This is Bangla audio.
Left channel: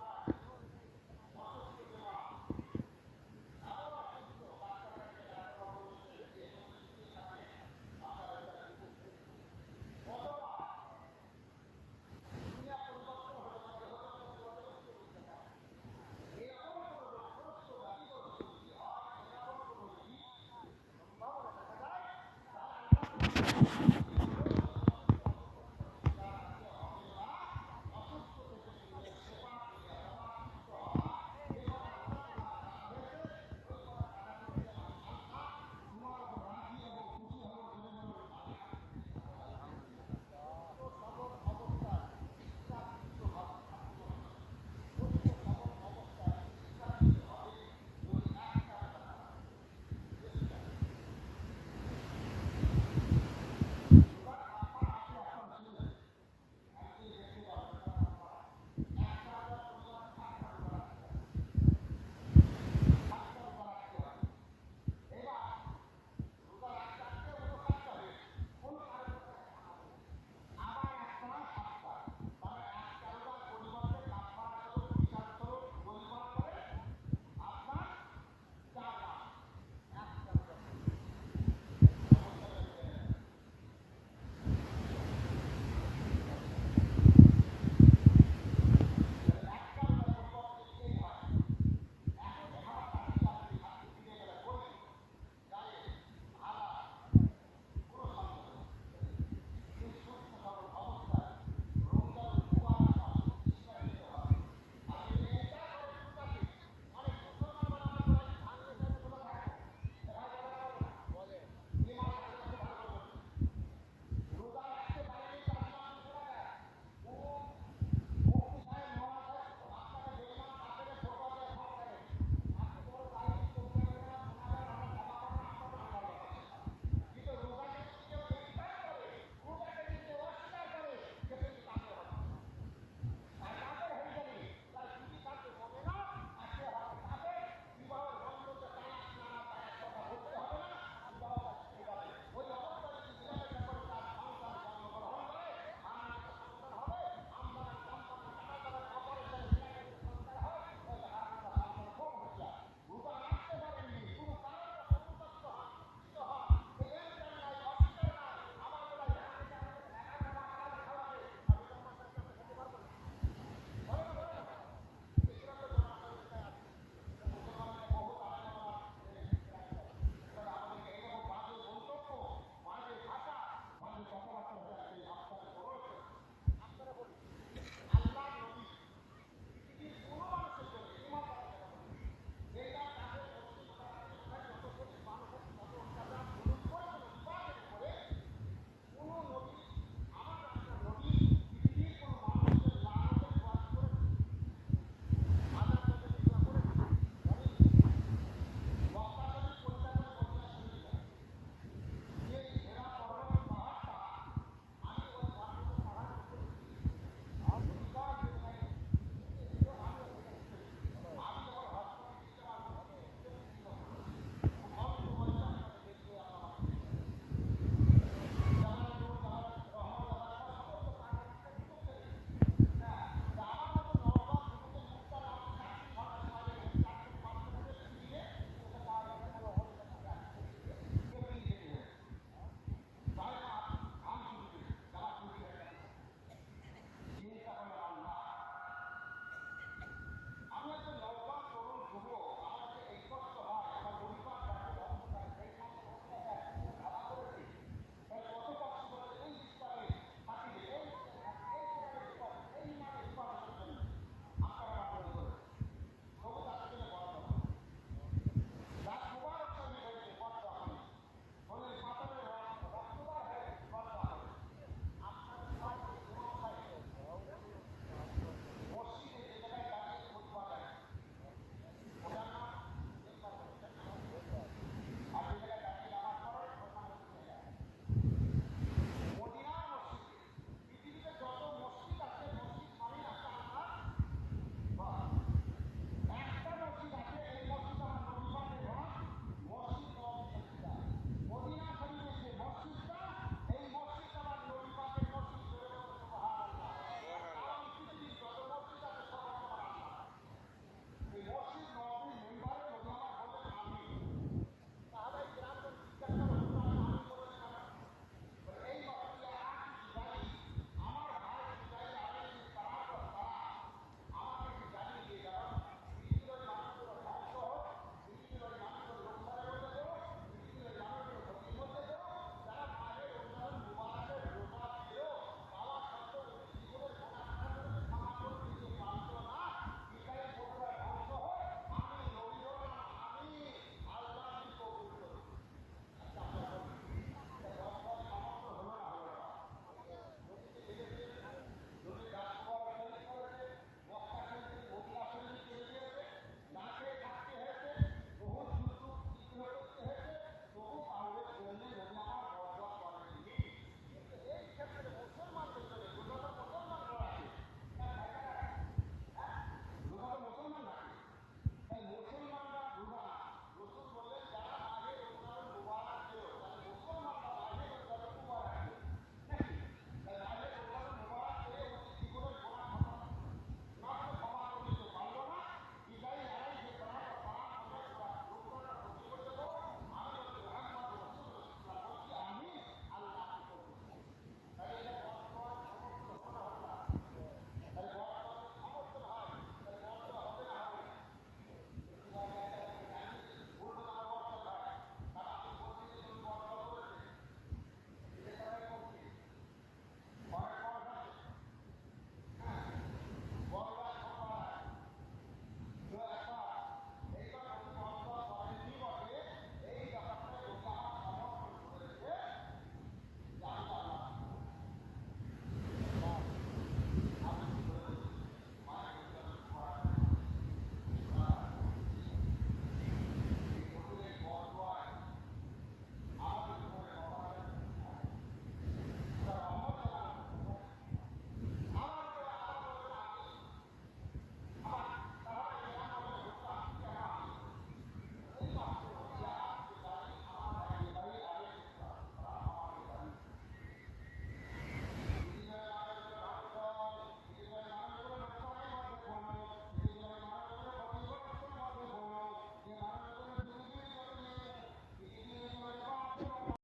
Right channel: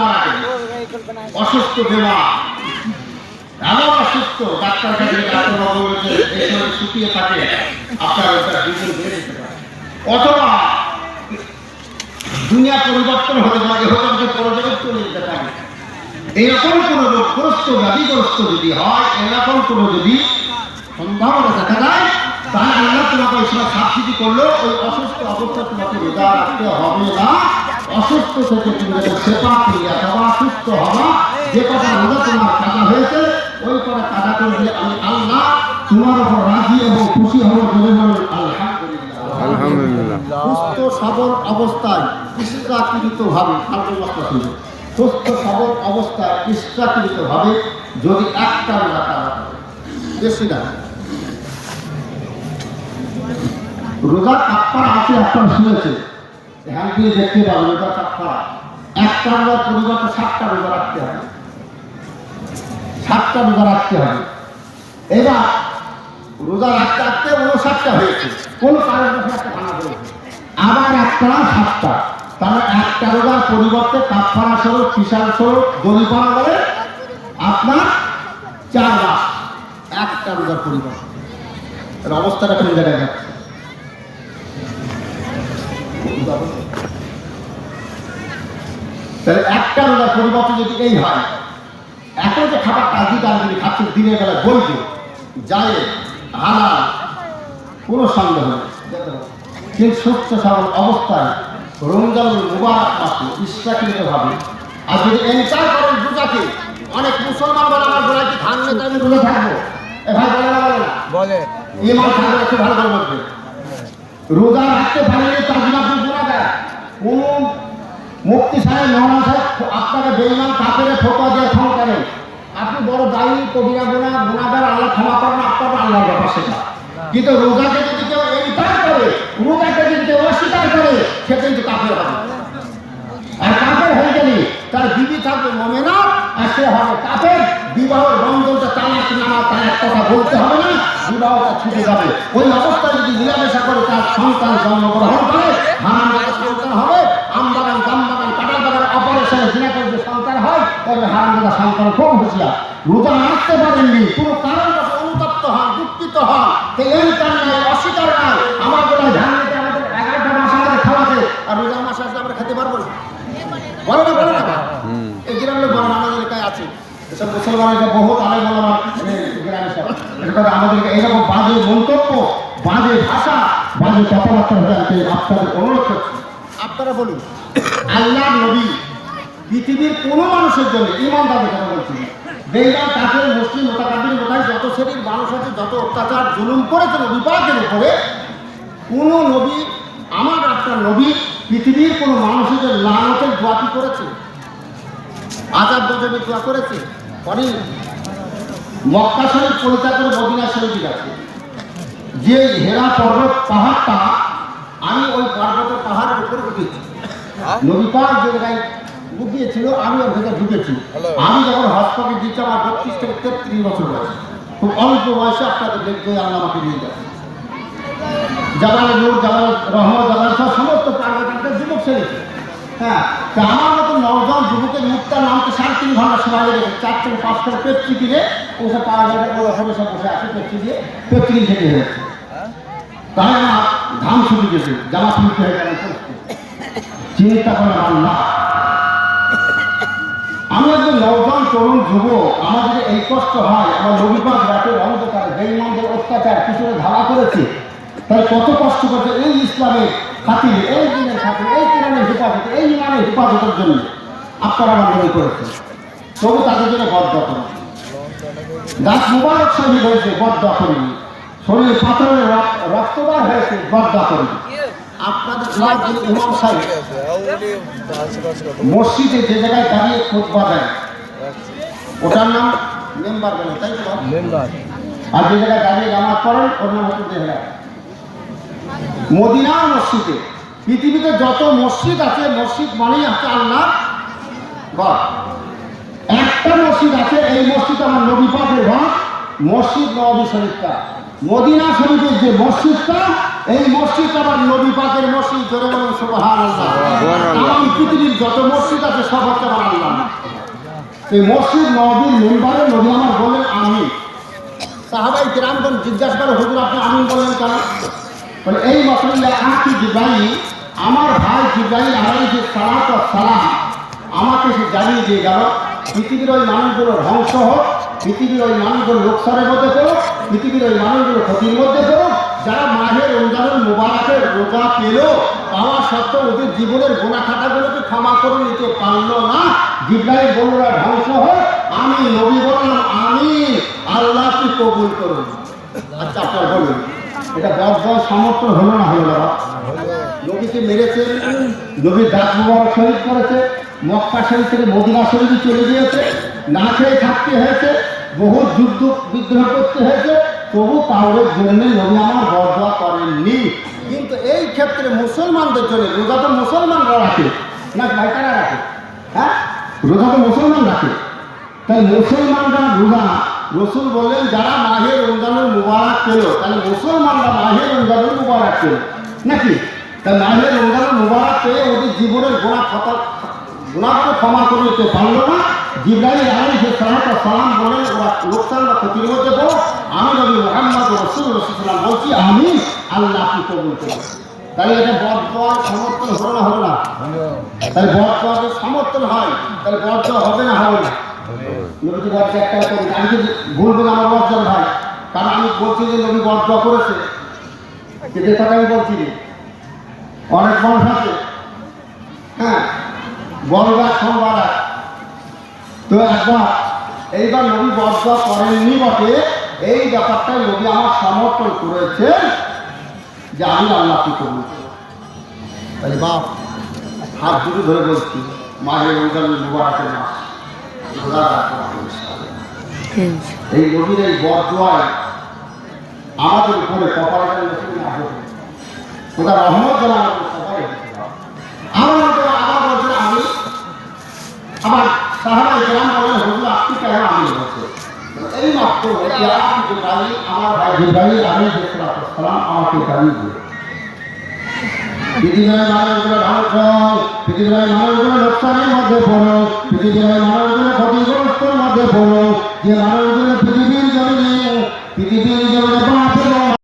মারা গেল, অসুস্থ দেওয়া এমন অসুস্থ, ডাক্তার কাছে ডাক্তারবাবু বলেছে এই সময় শুকিয়ে থাকে, আপনার ওটা দুদিন বেড়ে যেতে পারে, অথবা দুনিয়া পরিবর্তন হতে পারে, হতে পারে পরজগৎ চলে যেতে পারে। এইরকম কোনো রোগগ্রস্ত ব্যাধিগ্রস্ত যদি হয়, এরকম কোনো যদি সম্ভাবনা দেখা যায়, তাহলে আল্লাহ তোমাকে ওই সময় সাবসিডি করলো, ওই অসুস্থ অবস্থা তোমাকে রোজা রাখতে হবে না। অসুস্থ থেকে তুমি যখন সেবা ক্রিয়া হওয়া, সুস্থ হওয়া, যে কটা রোজা তোমার কাজা হয়েছে ওই কটা কাজা করে দিলে আমি আল্লাহ তোমার উপর রাজি এবং খুশি হব। আলহামদুলিল্লাহ। সুস্থ সবল অবস্থায় ইচ্ছাকৃতভাবে সুস্থ সবল অবস্থায় ইচ্ছাকৃতভাবে যদি একটা রোজা করা হয়, বেশি না, রোজা কাফারা আছে, আপনারা শুনেছে, হ্যাঁ দিয়ে দেখতে পাবেন রোজা কাফারা। একটা রোজার পরিবর্তে 7টা রোজা রাখতে হবে, 7টা রোজা রাখতে হবে। এবার রোজা রাখতে রাখতে 59টা হয়েছে, কোন কারণবশত একটা ভাঙা হয়েছে, আবার একটা 7টা, তাহলে একটা রোজার পরিবর্তে কাফারা স্বরূপ, ফিসাল স্বরূপ, দলিপানা বলে আপনার 4 মাস একটা রোজার পরিবর্তে। এর অবস্থাটা কোন জায়গায় যাচ্ছে? তাহলে একটা রোজার পরিবর্তে যদি এই হয়, এখন যে খাবারটা যদি খাচ্ছে দিনের বেলা বৈধ, যায় হালাল, কোনো সন্দেহ নেই, কিন্তু সুস্থ সবল অবস্থায় রমজানুল মুবারক মাসে ইচ্ছাকৃতভাবে, আর যদি এনকার করেন রোজাকে, অনেক মুসলমান বলে আমার বলে কি ধান নেতা আমি রোজা থাকবো, এ ভাই বলে না, বলে না, বলে ইমান থাকবে, একটু ভালো করে বলবে, রোজা রাখতে পারলে তার জন্য আপনি গুণা দেয়। কোন মুফতি সাহেব, মৌলানা সাহেব আপনাকে বেঈমান কাফেরে ফতোয়া দিয়ে ক্ষমা করেন, আপনি বড় দায়ী, কবিরা গুনাহগার, আল্লাহ ক্ষমা করেন, আপনার আল্লাহর ব্যাপার সেটা। কিন্তু রোজাকে যদি কেউ ইনকার করে, রোজাকে যদি কেউ অস্বীকার করে, সে কিন্তু কাফের হবে। আর কাফের হয়ে গেলে তার বিবি থাকবে মুমিনা, আর সে হবে কাফের। বিবাহের বন্ধনটা তালাক নামা, তালাক কথা বলতে হবে না, বিবাহটা ছুটে যাবে। ওই অবস্থায় যদি মিলামেশা করে তার সন্তান জন্মগ্রহণ করে, হারাম জায়গায় সন্তান হবে, আমবাগান, জামবাগান, কাঁঠাল বাগান অপারেশনে জিনা করে সন্তান হয়, তবে হারাম জায়গা সন্তান খুব হুঁশিয়ার। রোজা রাখতে পারেননি, কোনো কারণবশত অনুতপ্ত হন, দুঃখিত হন, এনকার নাই, অস্বীকার নাই, আমার বলে ধ্যান নিতে আমাদের 11টা মাস আমাদের খাওয়াতে, আর রোজার মাসে আসলে আমরা খেতে পারবো না, বলে না, বলে না, এই গ্রামের বড় আমাদের এলাকায় আছে, এসব মুসলমানের বহুত আলেম ওলামা গ্রামে সব, আমাদেরকে এইরকম বাজে মন্তব্য, বাজে ভাষা, বাজে কথাবার্তা জানতে আপনাদের অনুরোধ করছি। আপনারা বলুন, আল্লাহ নবী পৃথিবীর কোনো মানুষের জন্য, ইমানদারের কথা বলছি, বেঈমান কাফের মুসলিম মোতাকাব্বির মোতায় যত শ্রেণীর মানুষ আছে, যত অত্যাচার জুলুম করেছে নবী পাকের উপরে, কোনো নবী, আমার আপনার নবী পৃথিবীর কোনো মানুষের লানতের দোয়া কি করেছে? আযাব গজবের দোয়া করেছে? পরে মক্কা শরীফ পরিত্যাগ করে মদিনা শরীফে গেছে। যে হেরা পর্বত পাহাড়টা, আমি ওই পর্বতের পাহাড়ের উপরে উঠেছি, নবী পাক যে জায়গায় ঢুকিয়েছিল আমি ওর ভেতরে ঢুকেছি। আমি যখন হসপিটালে দিচ্ছি আমার 32 থেকে 33 বছর বয়স, খুব অল্প বয়সে আপনাদের দেখতে আল্লাহ আমাকে নিয়ে যাচ্ছে। জাবালে নূর, জাবালে রহমত, জাবালে সব সমস্ত পার্বতীদের যুবক ছেড়েছে। হ্যাঁ, তা আমার মতো 9 জন যুবকের মুক্তার নামতে 3.5 ঘন্টা সময় লেগে 4 থেকে 5 থেকে পেপসি কিনে ওসব পাওয়া যাবে, ওখানে সব বসে আছে পেপসি দিয়ে, পেপসি কিনে খেতে হয়েছে। তাই আমার ধান ছুটি গেছে, জামা ছুটি হয়ে গেল, চিন্তা করে আল্লাহ, আমি একজন নওজোয়ান তরুণ যুবক, আমার যদি এই কষ্ট হয়, আমার নবী পাক রাতের অন্ধকারে বেঈমানদের অত্যাচার পিছনে ধাওয়া করেছে, তাই কত কষ্ট করছে এই ইসলামের খাতিরে, এই দিনের খাতিরে, এই কোরআনের হেফাজতে, এই ইমানের হেফাজতের জন্য আপনারা আমার নবী করেছেন, তবু তাদের জন্য বদদোয়া করেন। গাছ মুবারক শহীদ হয়েছে, বদদোয়া করিনি, শরীরে পাথরের রক্তবার হয়েছে, বদদোয়া করিনি। আপনাদের ইমাম সাহেব মসজিদে যে জায়গায় দাঁড়িয়ে খুতবা দেয়, ওটার নাম মেম্বার বলে, তাই তো মেম্বার, আর যে জায়গায় দাঁড়িয়ে নামাজ পড়েন ওর নাম হচ্ছে দেহরা। মদিনা মসজিদে, পৃথিবীতে যত মসজিদ আছে, মসজিদ মানেই আছে আল্লাহ ঘর। একটা মসজিদ আছে, এই মসজিদ আমার নবী পাকের ঘর, মসজিদ নববী শরীফটা। মদিনা শরীফের যে মসজিদটা, এই মসজিদ আমার নবী পাকের মসজিদ। জোরে বলুন সুবহানাল্লাহ। তাম পৃথিবীর যত মসজিদ আছে সব হচ্ছে আমার আল্লাহ। সেই মসজিদ নবীর মেম্বারে নবী আমার বললেন আমিন। সাহাবাই কিরামগণ জিজ্ঞাসা করে হুজুর আপনি আমিন বললেন কেন? বলে এই মসজিদে আঁকি জিব্রাইল, আমার ভাই জিব্রাইল আলাইহিস সালাতু ওয়াস সালাম আমাকে সে জানিয়ে দিয়ে গেল পৃথিবীর ওই মানুষগুলো ধ্বংস হোক, পৃথিবীর ওই মানুষগুলো লোকসানের মধ্যে পড়ুক, পৃথিবীর ওই মানুষগুলো ক্ষতির মধ্যে পড়ুক, যারা মাহের রমজানুল মুবারকের রোজা পেল পাওয়া সত্ত্বেও ওদের জীবনের গোনা খাতাগুলোকে ক্ষমা করে নিতে পারলো না। জিব্রাইল বলল ধ্বংস হোক, আমি নবী বললাম আমিন, আল্লাহ কি কবুল করুন। আচ্ছা আপনার বলুন এটা বড় সমর্থন হলো না হলো না? নবীকে মেরেছে, নবীর দাঁত মুবারক শহীদ করেছে, মক্কা শরীফ থেকে মদিনা শরীফে চলে গিয়েছে, না খেয়ে থাকতে হয়েছে, বহু যুদ্ধ বিদ্রোহ করতে হয়েছে, তবু কাউরের জন্য নবী আমার বরদোয়া করেননি। কিন্তু এই ক্ষেত্রে মুসলমানদের জন্য রোজা তো মুসলমানরা রাখে না, ভাইটারা রাখে, হ্যাঁ রোজা তো মুসলমান রাখে, তাই মুসলমানরা রোজা রসুল বললেন যারা মাহের রমজানুল মুবারক পেল, তাহলে মুসলমানরা মাহের রমজানুল মুবারক পেল নাকি? তাই মাহের রমজানুল মুবারক পেয়ে ওদের জীবনের গুনাহকে ক্ষমা করে দিতে পারল না। জিব্রাইল আলাইহিস সালাতু ওয়াস সালাম বলেন ওরা লোকসান বা ক্ষতির মধ্যে পড়ো, আমি নবী মুহাম্মদ রাসূলুল্লাহ বলছি আমি আল্লাহ কি কবুল করব। তাহলে এটা বদদোয়ার সমর্থন হলো না হলো না? তাহলে বদদোয়াকে সমর্থন হয়, তাহলে বদদোয়া হবে না হবে না? নবী বদদোয়া একটা করি, আমি কি ভুলবেন আমার বদদোয়া ভাই? কারণ আমি বলছি যে নবী বদদোয়া করেছে, যে কথা আমি বলছি অনেক মানুষ আছে, হ্যাঁ বড়বার সোমবার তো একবার এইবার নবী বদদোয়া করেননি বটে, এই ব্যাপারটাই নবী আমার সমর্থন করেছে যে আমি আল্লাহ কি করব। তাই বাপ হাত দুটো ধরে বলছি মায়ের রমজানুল মুবারকের মাস, এই নবীর এই বদদোয়ায় আমাদের উপরে কপালটা নসিব না হোক, ওটা রহমত যেন আমাদের সবাই আবার বলছেন আমি, আবার সাহাবায়ে কেরাম বলেন হুজুর আপনি কেন আমি বলছেন? এই মাত্র আমার ভাই জিব্রাইল আলাইহিস সালাম আমাকে জানিয়ে দিয়ে পৃথিবীর মানুষগুলো ধ্বংস, পৃথিবীর মানুষগুলো লোকসানের মধ্যে পড়ো, পৃথিবীর মানুষগুলো ক্ষতিগ্রস্তের মধ্যে পড়ো, যে মানুষ